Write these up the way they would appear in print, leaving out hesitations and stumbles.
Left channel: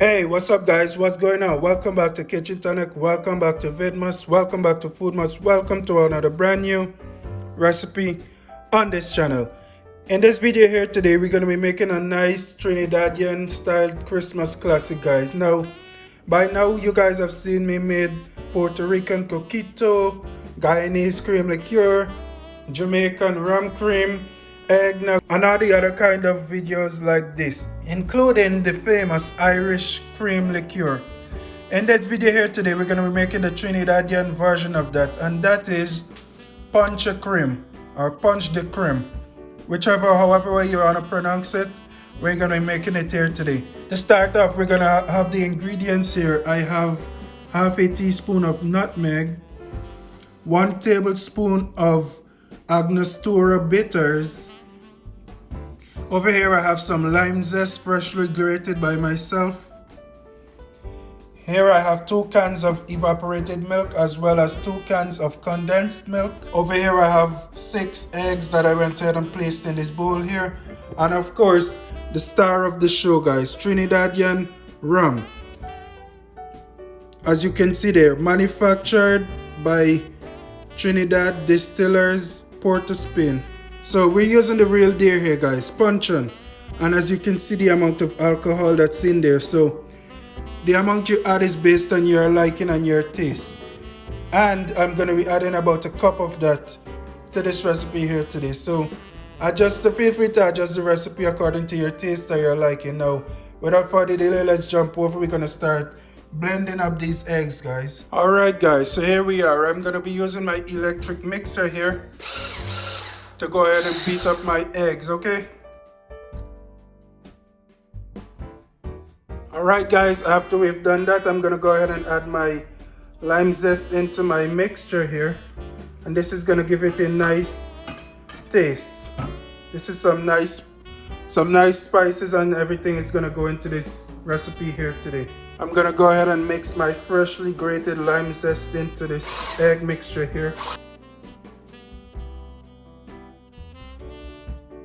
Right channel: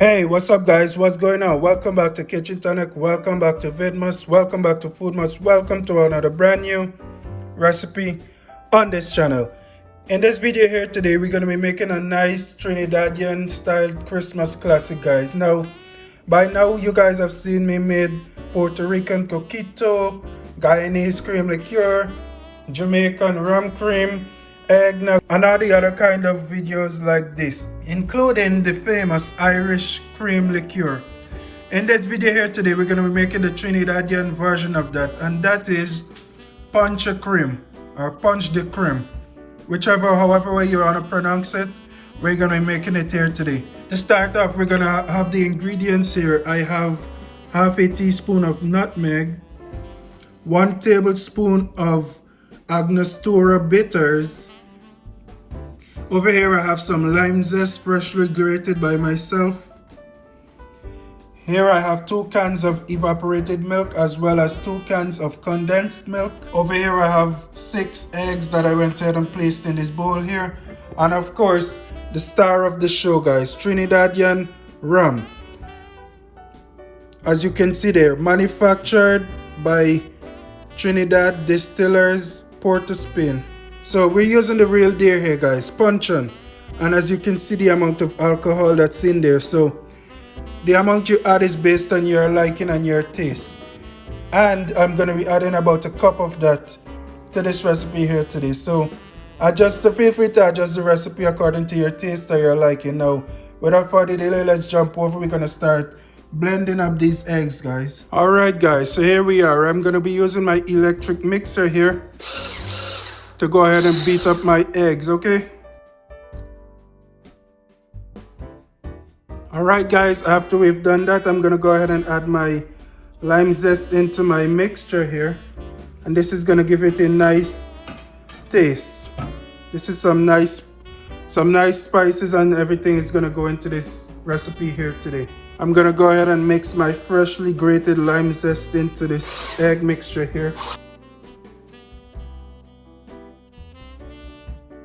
Hey, what's up guys? What's going on? Welcome back to Kchin Tonic. Welcome back to Vidmas. Welcome back to Foodmas. Welcome to another brand new recipe on this channel. In this video here today, we're going to be making a nice Trinidadian styled Christmas classic, guys. Now, by now you guys have seen me made Puerto Rican coquito, Guyanese cream liqueur, Jamaican rum cream, eggnog, and all the other kind of videos like this, including the famous Irish cream liqueur. In this video here today, we're going to be making the Trinidadian version of that, and that is Ponche De Creme or Ponche De Creme, however way you want to pronounce it. We're going to be making it here today. To start off, we're going to have the ingredients here. I have half a teaspoon of nutmeg, 1 tablespoon of Angostura bitters. Over here I have some lime zest freshly grated by myself. Here I have 2 cans of evaporated milk as well as 2 cans of condensed milk. Over here I have 6 eggs that I went ahead and placed in this bowl here. And of course, the star of the show, guys, Trinidadian rum. As you can see there, manufactured by Trinidad Distillers, Port of Spain. So we're using the real deal here, guys, puncheon. And as you can see, the amount of alcohol that's in there. So the amount you add is based on your liking and your taste. And I'm going to be adding about a cup of that to this recipe here today. So feel free to adjust the recipe according to your taste or your liking. Now, without further delay, let's jump over. We're going to start blending up these eggs, guys. Alright guys, so here we are. I'm going to be using my electric mixer here to go ahead and beat up my eggs, okay? Alright guys, after we've done that, I'm gonna go ahead and add my lime zest into my mixture here. And this is gonna give it a nice taste. This is some nice spices and everything is gonna go into this recipe here today. I'm gonna go ahead and mix my freshly grated lime zest into this egg mixture here.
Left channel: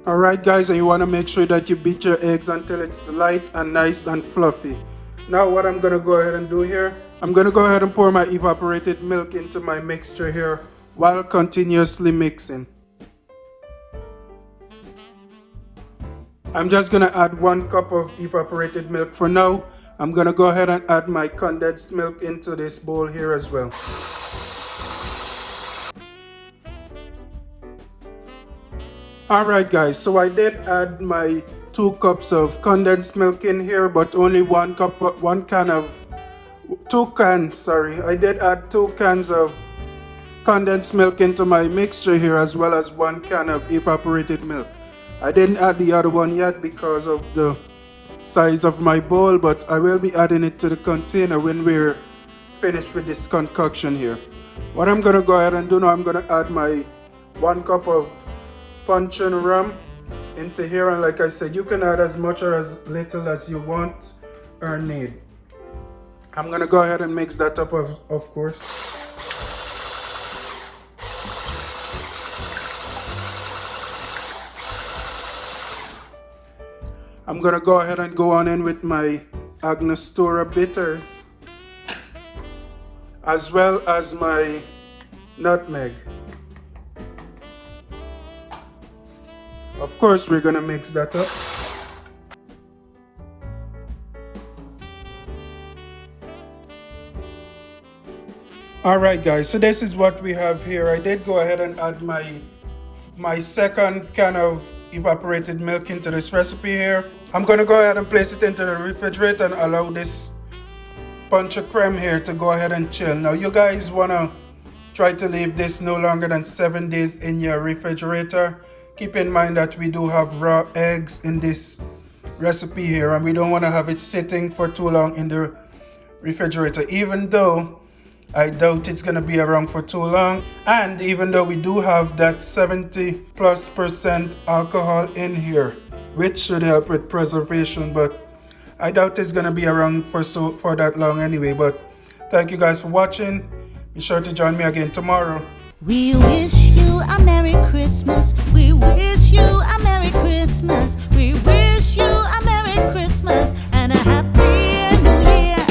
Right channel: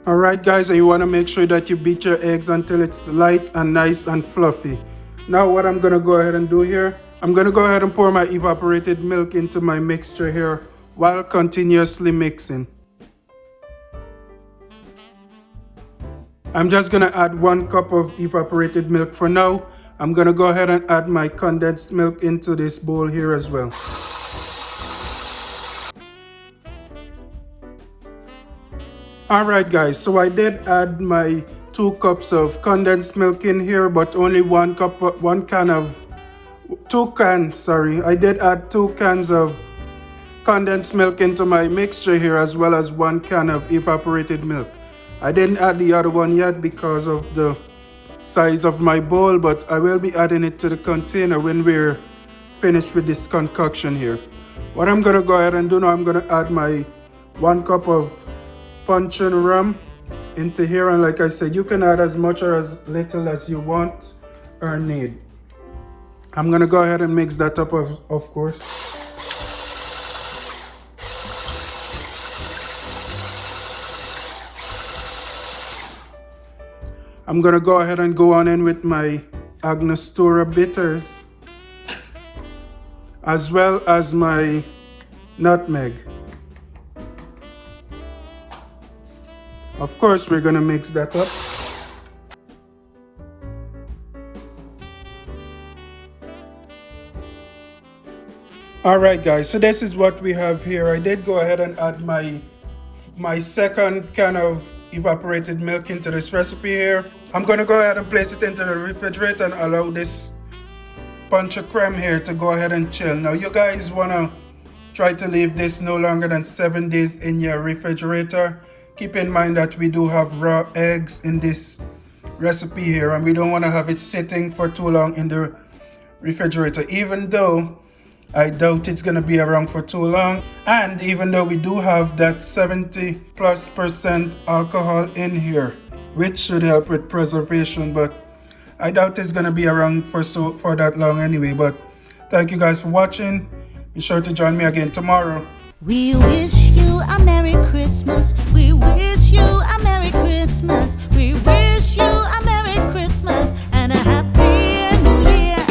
Alright guys, and you want to make sure that you beat your eggs until it's light and nice and fluffy. Now what I'm going to go ahead and do here, I'm going to go ahead and pour my evaporated milk into my mixture here while continuously mixing. I'm just going to add 1 cup of evaporated milk for now. I'm going to go ahead and add my condensed milk into this bowl here as well. Alright guys, so I did add my 2 cups of condensed milk in here, but only I did add 2 cans of condensed milk into my mixture here as well as 1 can of evaporated milk. I didn't add the other one yet because of the size of my bowl, but I will be adding it to the container when we're finished with this concoction here. What I'm going to go ahead and do now, I'm going to add my 1 cup of puncheon rum into here, and like I said, you can add as much or as little as you want or need. I'm gonna go ahead and mix that up, of course. I'm gonna go ahead and go on in with my Angostura bitters as well as my nutmeg. Of course, we're gonna mix that up. Alright guys, so this is what we have here. I did go ahead and add my 2nd can of evaporated milk into this recipe here. I'm gonna go ahead and place it into the refrigerator and allow this Ponche De Creme here to go ahead and chill. Now you guys wanna try to leave this no longer than 7 days in your refrigerator. Keep in mind that we do have raw eggs in this recipe here, and we don't want to have it sitting for too long in the refrigerator, even though I doubt it's going to be around for too long. And even though we do have that 70+% alcohol in here, which should help with preservation, but I doubt it's going to be around for that long anyway. But thank you guys for watching. Be sure to join me again tomorrow. We wish you a Merry Christmas. We wish you a Merry Christmas. We wish you a Merry Christmas and a Happy